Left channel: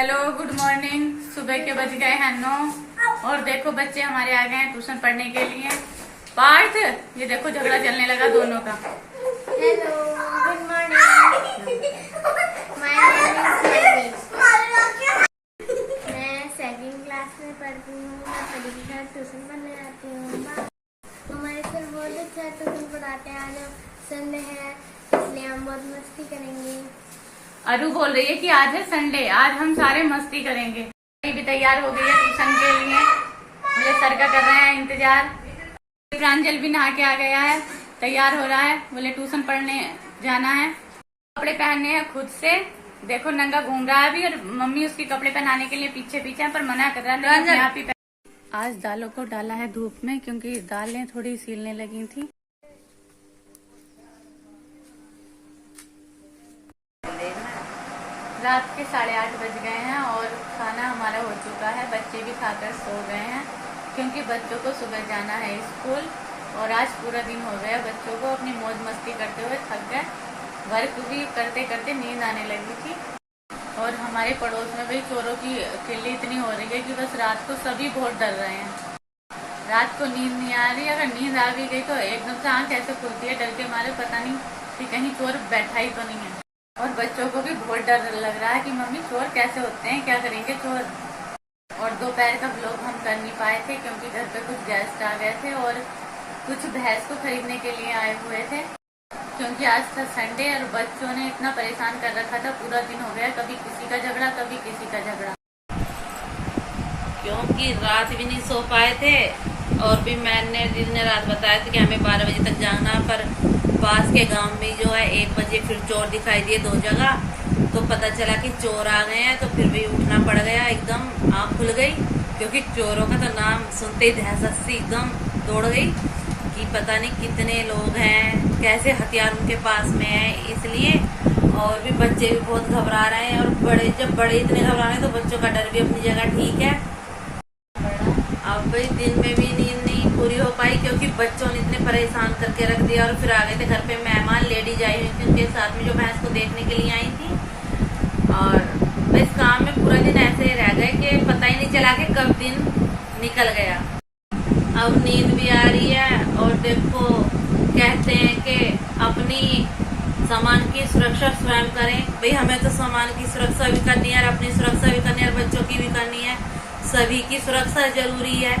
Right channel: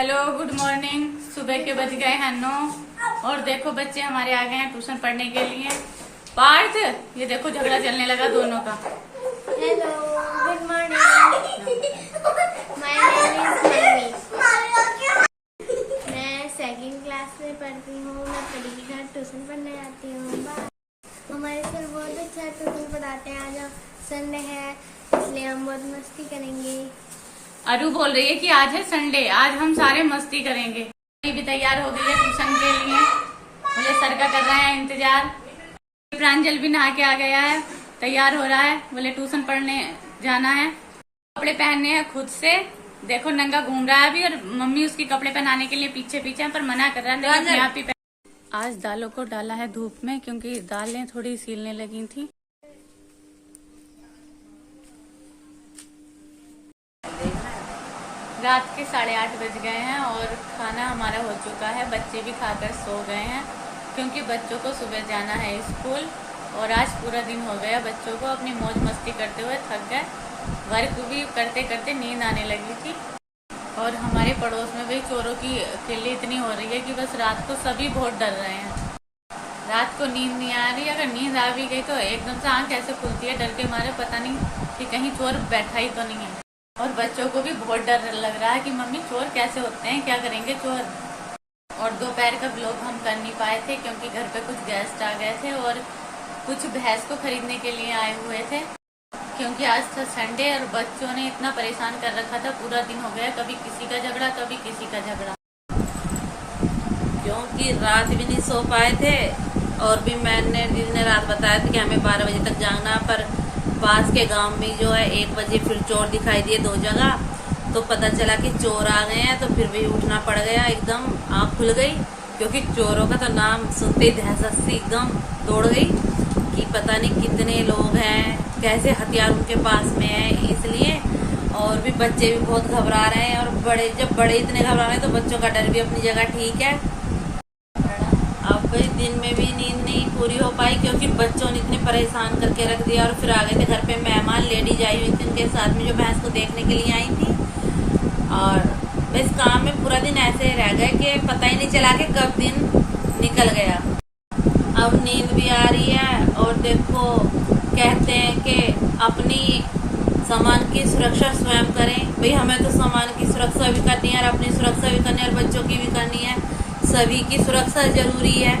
Hello, good morning. सुबह के बज गए हैं 9 और देखो बच्चे हमारे आ गए हैं ट्यूशन पढ़ने के लिए। पार्थ, ये देखो झगड़ा चलने लगा दोनों का। Hello, good morning. My name is Manmeet. मैं सेकंड क्लास में पढ़ती हूँ। मैं परी के साथ ट्यूशन पढ़ने आती हूँ। हमारे सर बहुत अच्छा ट्यूशन पढ़ाते हैं। आज संडे है इसलिए हम बहुत मस्ती करेंगे। अरु बोल रही है कि आज है संडे, आज हम सारे मस्ती करेंगे। भी तैयार हो गई है ट्यूशन के लिए, मुझे सर का कर रहे हैं इंतजार। प्रांजल भी नहा के आ गया है, तैयार हो रहा है, बोले ट्यूशन पढ़ने जाना है। कपड़े पहनने हैं खुद से। देखो नंगा घूम रहा है अभी, और मम्मी उसके कपड़े पहनाने के लिए पीछे पीछे पर मना कर रहा है अपने आप ही। आज दालों को डाला है धूप में क्योंकि दालें थोड़ी सीलने लगी थी। रात के 8:30 बज गए हैं और खाना हमारा हो चुका है। बच्चे भी खाकर सो गए हैं क्योंकि बच्चों को सुबह जाना है स्कूल। और आज पूरा दिन हो गया बच्चों को अपनी मौज मस्ती करते हुए थक गए। वर्क भी करते करते नींद आने लगी थी। और हमारे पड़ोस में भाई चोरों की किल्ली इतनी हो रही है कि बस रात को सभी बहुत डर रहे हैं। रात को नींद नहीं आ रही, अगर नींद आ भी गई तो एकदम से आंख ऐसे खुलती है डर के मारे, पता नहीं कि कहीं चोर बैठा ही तो नहीं है। और बच्चों को भी बहुत डर लग रहा है कि मम्मी चोर कैसे होते हैं, क्या करेंगे चोर। और दोपहर का व्लॉग हम कर नहीं पाए थे क्योंकि घर पे कुछ गेस्ट आ गए थे और कुछ भैंस को खरीदने के लिए आए हुए थे। क्योंकि आज था संडे और बच्चों ने इतना परेशान कर रखा था, पूरा दिन हो गया कभी किसी का झगड़ा कभी किसी का झगड़ा। क्योंकि रात भी नहीं सो पाए थे और भी मैंने दिन ने रात बताया था कि हमें 12 बजे तक जाना, पर पास के गांव में जो है 1 बजे फिर चोर दिखाई दिए 2 जगह। तो पता चला कि चोर आ गए हैं, तो फिर भी उठना पड़ गया। एकदम आँख खुल गई क्योंकि चोरों का तो नाम सुनते ही दहशत सी एकदम दौड़ गई कि पता नहीं कितने लोग हैं, कैसे हथियार उनके पास में है, इसलिए। और भी बच्चे भी बहुत घबरा रहे हैं, और जब बड़े इतने घबरा रहे हैं तो बच्चों का डर भी अपनी जगह ठीक है। अब भाई दिन में भी नींद नहीं पूरी हो पाई क्योंकि बच्चों ने इतने परेशान करके रख दिया। और फिर आ गए थे घर पे मेहमान, लेडीज आई हुई थी उनके साथ में जो भैंस को देखने के लिए आई थी। और इस काम में पूरा दिन ऐसे ही रह गए कि पता ही नहीं चला कि कब दिन निकल गया। अब नींद भी आ रही है और देखो कहते हैं कि अपनी सामान की सुरक्षा स्वयं करें। भाई हमें तो सामान की सुरक्षा भी करनी है और अपनी सुरक्षा भी करनी है और बच्चों की भी करनी है। सभी की सुरक्षा जरूरी है।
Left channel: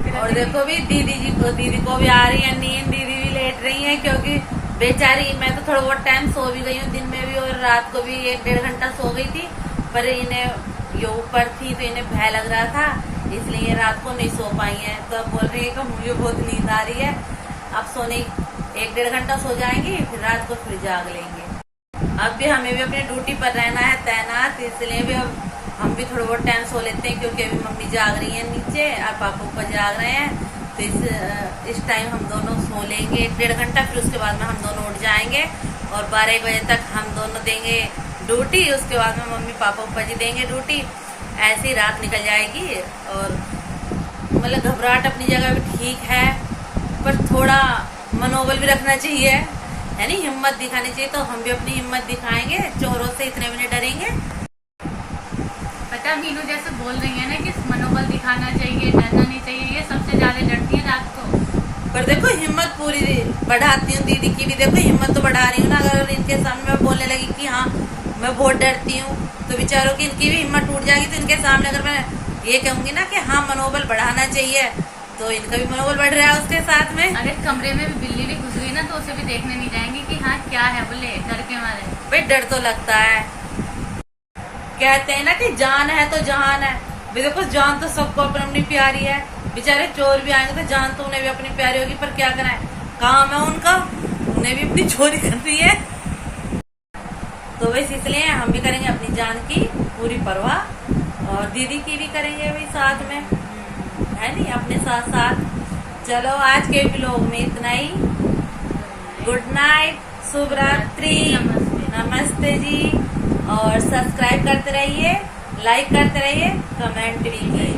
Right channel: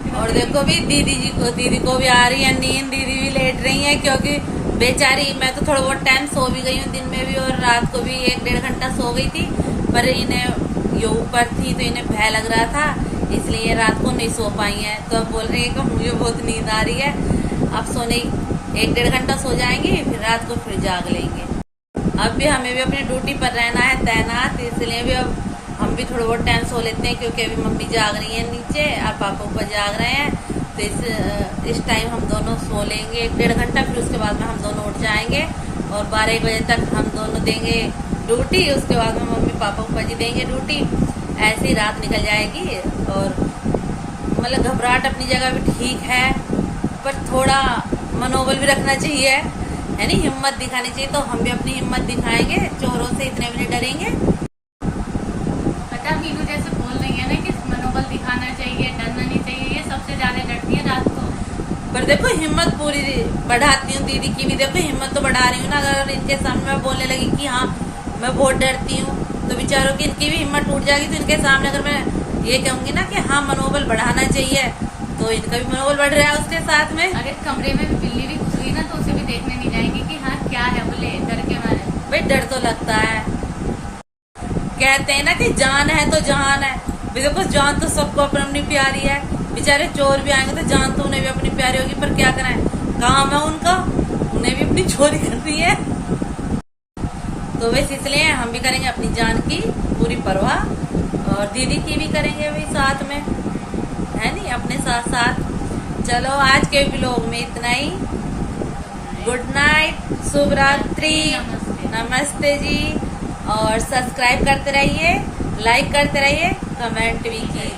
और देखो भी दीदी को भी आ रही है नींद, दीदी भी लेट रही है क्योंकि बेचारी, मैं तो थोड़ा बहुत टाइम सो भी गई हूँ दिन में भी और रात को भी 1-1.5 घंटा सो गई थी। पर इन्हें ये ऊपर थी तो इन्हें भय लग रहा था, इसलिए ये रात को नहीं सो पाई है। तो अब बोल रही है कि मुझे बहुत नींद आ रही है, अब सोने 1-1.5 घंटा सो जाएंगी, फिर रात को फिर जाग लेंगे। अब भी हमें भी अपनी ड्यूटी पर रहना है तैनात, इसलिए भी अब हम भी थोड़ा बहुत टाइम सो लेते हैं क्योंकि अभी मम्मी जाग रही है नीचे और पापा ऊपर जाग रहे हैं। तो इस टाइम हम दोनों सो लेंगे 1-1.5 घंटा, फिर उसके बाद में हम दोनों उठ जाएंगे और 12-1 बजे तक हम दोनों देंगे ड्यूटी। उसके बाद में मम्मी पापा ऊपर जी देंगे ड्यूटी। ऐसे ही रात निकल जाएगी। और मतलब घबराहट अपनी जगह भी ठीक है, पर थोड़ा मनोबल भी रखना चाहिए, यानी हिम्मत दिखानी चाहिए। तो हम भी अपनी हिम्मत दिखाएंगे, चोरों से इतने भी नहीं डरेंगे। पता मीनू जैसे बोल रही है ना कि मनोबल दिखाना चाहिए, डरना नहीं चाहिए, ये सबसे ज्यादा डरती है रात को। पर देखो हिम्मत पूरी बढ़ाती हूँ, दीदी की भी देखो हिम्मत तो बढ़ा रही हूँ ना। अगर इनके सामने मैं बोलने लगी कि हाँ मैं बहुत डरती हूँ तो बेचारों की इनकी भी हिम्मत टूट जाएगी। तो इनके सामने अगर मैं ये कहूंगी ना कि हाँ मनोबल बढ़ाना चाहिए तो इनका भी मनोबल बढ़ रहा है उसके साथ में। अगर कमरे में भी बिल्ली भी घुस गई ना तो उसे भी देखने नहीं जाएंगे कि हाँ क्या है, बोले डर के मारे। भाई डर तो लगता है, कहते हैं ना कि जान है तो जहान है। देखो जान तो सबको अपनी अपनी प्यारी है। बेचारे चोर भी आएंगे तो जान तो उन्हें भी अपनी प्यारी होगी, पर क्या करें, काम है उनका, उन्हें भी अपनी चोरी करनी है। तो वैसे इसलिए हम भी करेंगे अपनी जान की पूरी परवाह और दीदी की भी करेंगे भाई साथ में, है नहीं, अपने साथ साथ। चलो आज के व्लॉग में इतना ही। गुड नाइट, शुभ रात्रि, नमस्ते जी। और सब्सक्राइब करते रहिए, लाइक करते रहिए, कमेंट भी कीजिए।